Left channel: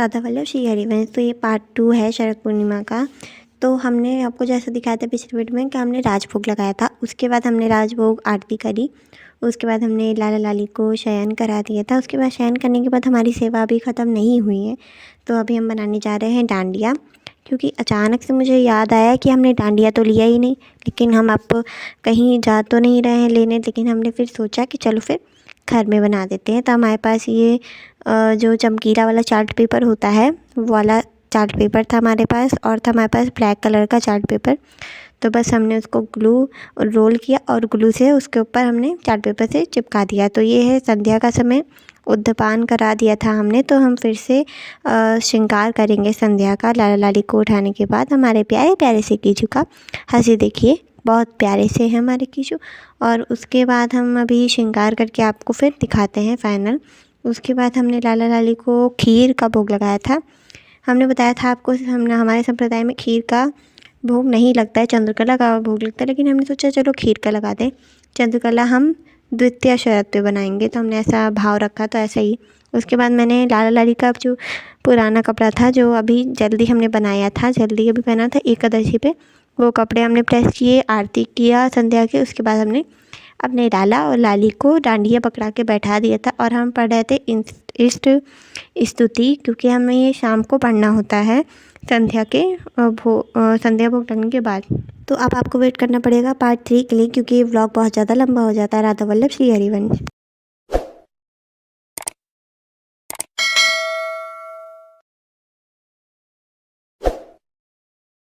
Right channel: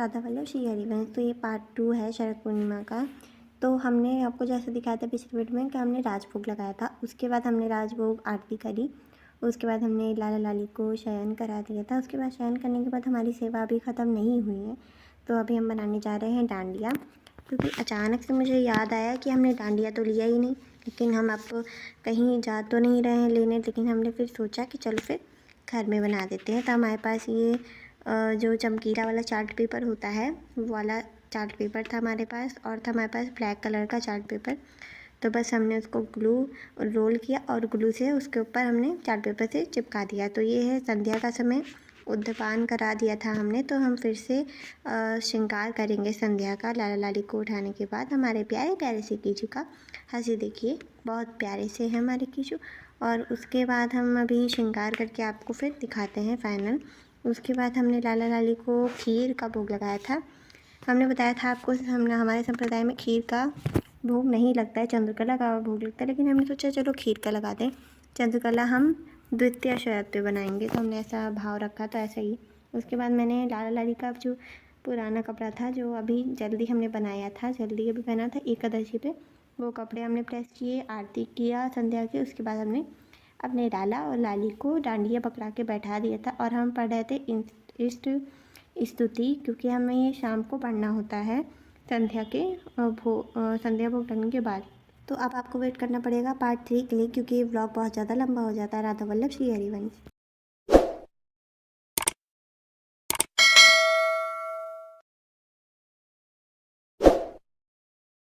राधा वल्लभ श्री हरिवंश। तो ये पार्ट 2 है शरद पूर्णिमा का। तो हमने आपको जैसा दिखाया था पिछले वीडियो में कि हमने राजभोग लगाया था, उसके बाद हमने राजभोग आरती करी, उसके बाद हमने लाला लाली को शयन करा दिया था। उसके बाद शयन करने के बाद हमारी सेवा अभी ख़त्म नहीं हुई है, तो अभी हम बनाने जा रहे हैं डांडिया। क्योंकि अचानक से मुझे याद आया कि हमने डांडिया तो लिया ही नहीं, लेकिन हम अब कहीं जा तो नहीं रहे हैं लेने, लेकिन हमने फिर सोचा कि चलो फिर घर में बना देते हैं। तो हमारे पास ये जो चमकीला वाला चार्ट पेपर होता है वो वाला चार्ट पेपर था हमारे पास, और था हमारे पास ब्लैक कलर का चार्ट पेपर। तो बस हमने उसको ग्लू रोल किया और ग्लू से उसके ऊपर हमने चार्ट पेपर से चिपका दिया। तो ये है संध्या का समय, उद्यपान करा दिया था हमने। तो हम फिर से श्रृंगार करेंगे संध्या का। लाला लाली को उठाने के बाद हमारे प्यारे प्यारे से कीचू का हंसी देखिए, बहुत प्यारे से है हमारे कीचू। और उसके बाद हम अभी श्रृंगार करके आपको फिर दिखाते हैं फाइनल। उसके बाद हमने लाला लाली को खीर का भोग लगाया था। हमने बताया था आपको, हमने हमारे संप्रदाय में खीर का भोग नहीं लगता है, चंद्रकला का भोग लगता है, लेकिन हमने सोचा चलो खीर का लगा दें। चंद्रकला हम द्वितीय शरद पे बनाएंगे, तो हमने ऐसा भाव रखा, तो ऐसा ही। उसके बाद मैंने लाला लाली का जो पुराना कपड़ा था, जो अभी जल्दी हमने बनाया था, जल्दी अभी पहना था एकादशी पे, वो कपड़े हमने प्रेस किए, आरती किया संध्या के। उसके बाद हमने अपने लाला और लाली को डांडिया पकड़ा के बैठा दिया था, और हम पढ़ रहे थे इष्ट स्तुति, क्योंकि हमें ये शाम को पढ़ना होता है संध्या के संध्या भोग लगने के बाद। तो अब आपको वेट करना पड़ेगा पार्ट 3 के लिए, क्योंकि ये व्लॉग बहुत ज़्यादा लंबा हो जाता है। राधा वल्लभ श्री हरिवंश।